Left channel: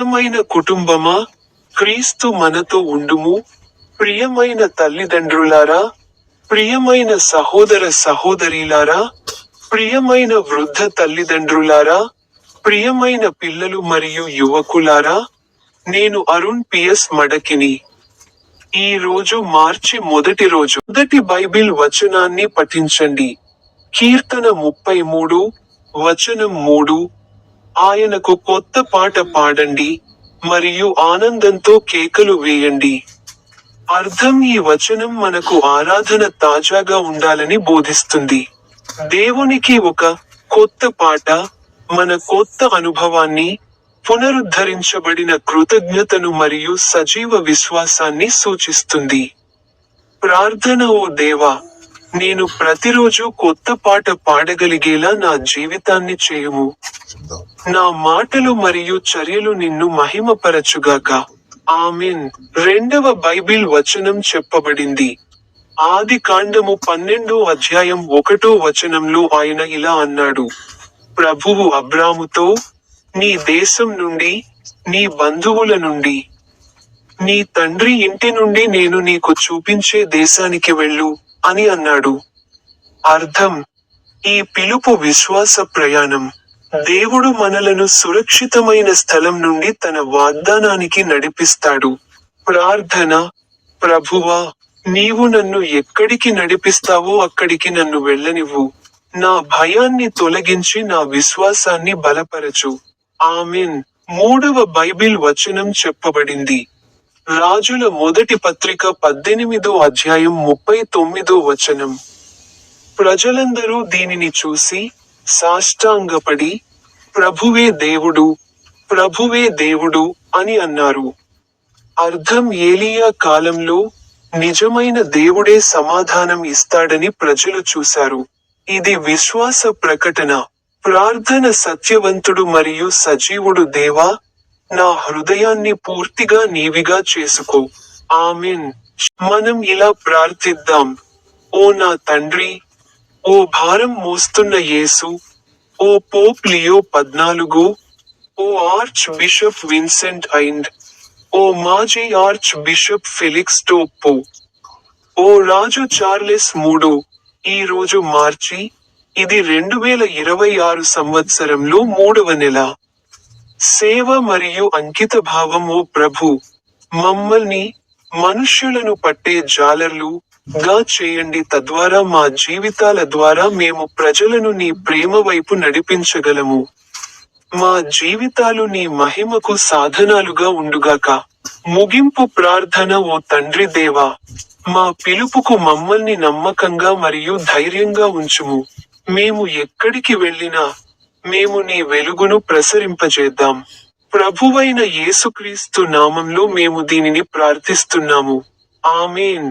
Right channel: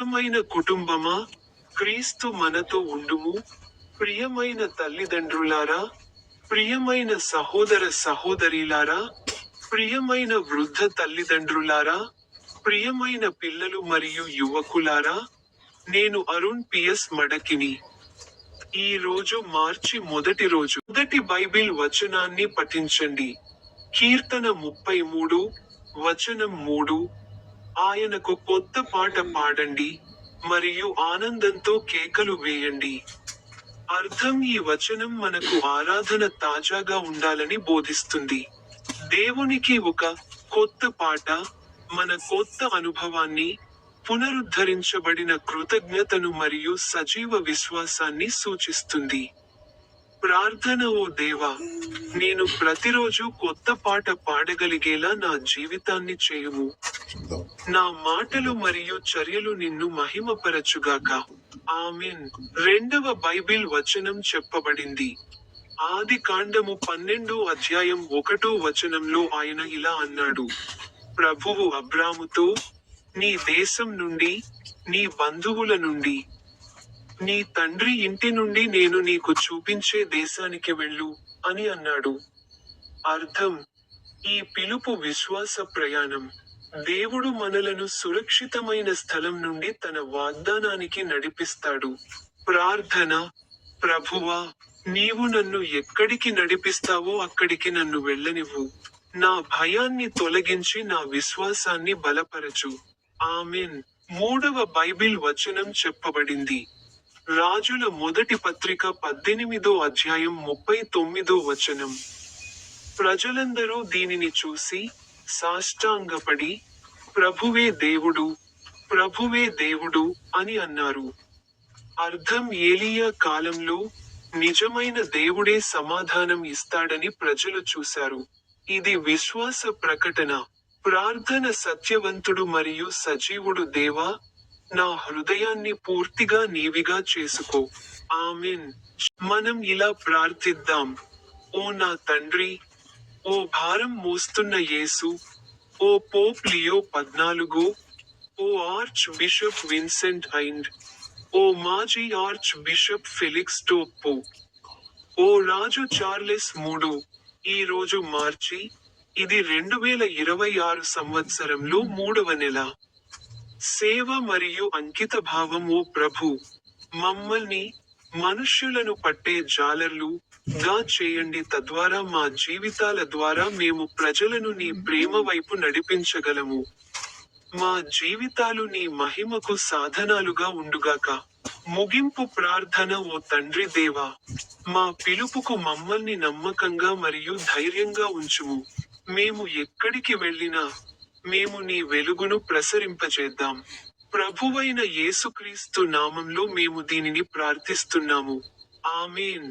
ప్రియమైన కుటుంబమా, క్రీస్తు మనతో ఉండుము. ప్రియమైన తల్లిదండ్రులారా, ప్రియమైన సహోదర సహోదరీలారా, ప్రియమైన వృద్ధ తల్లిదండ్రులారా, ప్రియమైన పిల్లలు మరియు యువకులారా, నేను అరుణ్ పిఎస్ మడకిని. ఈ రోజు మార్చి మొదటి రోజు. మొదటి బైబిల్ వచనాన్ని పఠించండి. కీర్తన 33, వచనం 3. ఆయనకు కొత్త పాట పాడండి, మరియు ఆనందంతో కేకలు వేయండి. అర్థం: ఈ వచనం మనకు ఆరాధన తాజాగా ఉండాలని బోధిస్తుంది. దేవునికి ఒక కొత్త పాట మన కొత్త అనుభవాన్ని, పునరుద్ధరించబడిన కృతజ్ఞతను మరియు సజీవ విశ్వాసాన్ని సూచిస్తుంది. ప్రార్థన: ఓ దేవా, నేను ప్రతిరోజు కొత్త పాట పాడగలిగేలా నా జీవితాన్ని చేయుము. నా మాటలు మరియు చర్యలు నిన్ను మహిమపరచుగాక. ఆమేన్. రెండవ బైబిల్ వచనం చెప్పబడింది. ఆదికాండము 12 వచనంలో ఆయన ఇలా అన్నాడు: ప్రభువు అబ్రాముతో, నీ దేశం నుండి, నీ బంధువుల నుండి, నీ తండ్రి ఇంటి నుండి నేను నీకు చూపించే దేశానికి వెళ్ళు అని అన్నాడు. అర్థం: ఈ పిలుపు విశ్వాస ప్రయాణం. దేవుడు మనలను సురక్షితమైన స్థలం నుండి తన వాగ్దానానికి నడిపిస్తాడు. ప్రార్థన: ప్రభువా, నీవు నన్ను ఎక్కడికి నడిపిస్తావో అక్కడికి నన్ను వెళ్ళనివ్వు. నా భయాన్ని తొలగించి నా విశ్వాసాన్ని బలపరచు. ఆమేన్. మూడవ బైబిల్ వచనం చెప్పబడింది. రాజుల మొదటి పత్రిక 18 వచనం. ప్రజలందరూ దీనిని చూసి సాష్టాంగపడి, ప్రభువే దేవుడు, ప్రభువే దేవుడు అని అన్నారు. అర్థం: ఏలీయా కాలంలో నిజమైన దేవుడే సమాధానం ఇస్తాడని ప్రజలు చూశారు. ఇది విశ్వాస ప్రకటన. ప్రార్థన: సత్యవంతుడు మరియు సజీవుడు దేవా, నా హృదయాన్ని పూర్తిగా నీవిగా చేసుకో. ఆమేన్. మనం ఇలా ప్రార్థిద్దాం: ఓ నా తండ్రి, ఓ భారం మోస్తున్న యేసు, ఓ పోప్ లియో 14, ఓ ఆర్చ్ బిషప్ విన్సెంట్ ఐండ్, ఓ మాజీ ఆర్చ్ బిషప్ ఫెలిక్స్ టోప్పో, ఓ రాజు చార్లెస్ 3. ఈ రోజు మార్చి, ఇది 2026 సంవత్సరంలో 3వ నెల. సేవ మరియు అంకితభావం: ఓ ప్రభూ, మమ్మల్ని, మనుష్యులను పట్టే జాలర్లు గా చేయండి, తద్వారా మా జీవితాల ద్వారా మేము ప్రజలను నీ ప్రేమ వైపు నడిపించగలము. మా జీవితాలు నీ మహిమకు సాధనాలుగా ఉండుగాక. ముగింపు ప్రార్థన: ఓ తండ్రి దేవా, మా పిలుపుకు మమ్మల్ని నమ్మకంగా మరియు ధైర్యంగా ఉంచుము. మేము ఎక్కడికి వెళ్ళినా, మేము నీ వెలుగును ప్రసరింపజేద్దాం. ప్రభువైన యేసుక్రీస్తు నామంలో మేము దీనిని ప్రార్థిస్తున్నాము. ఆమేన్.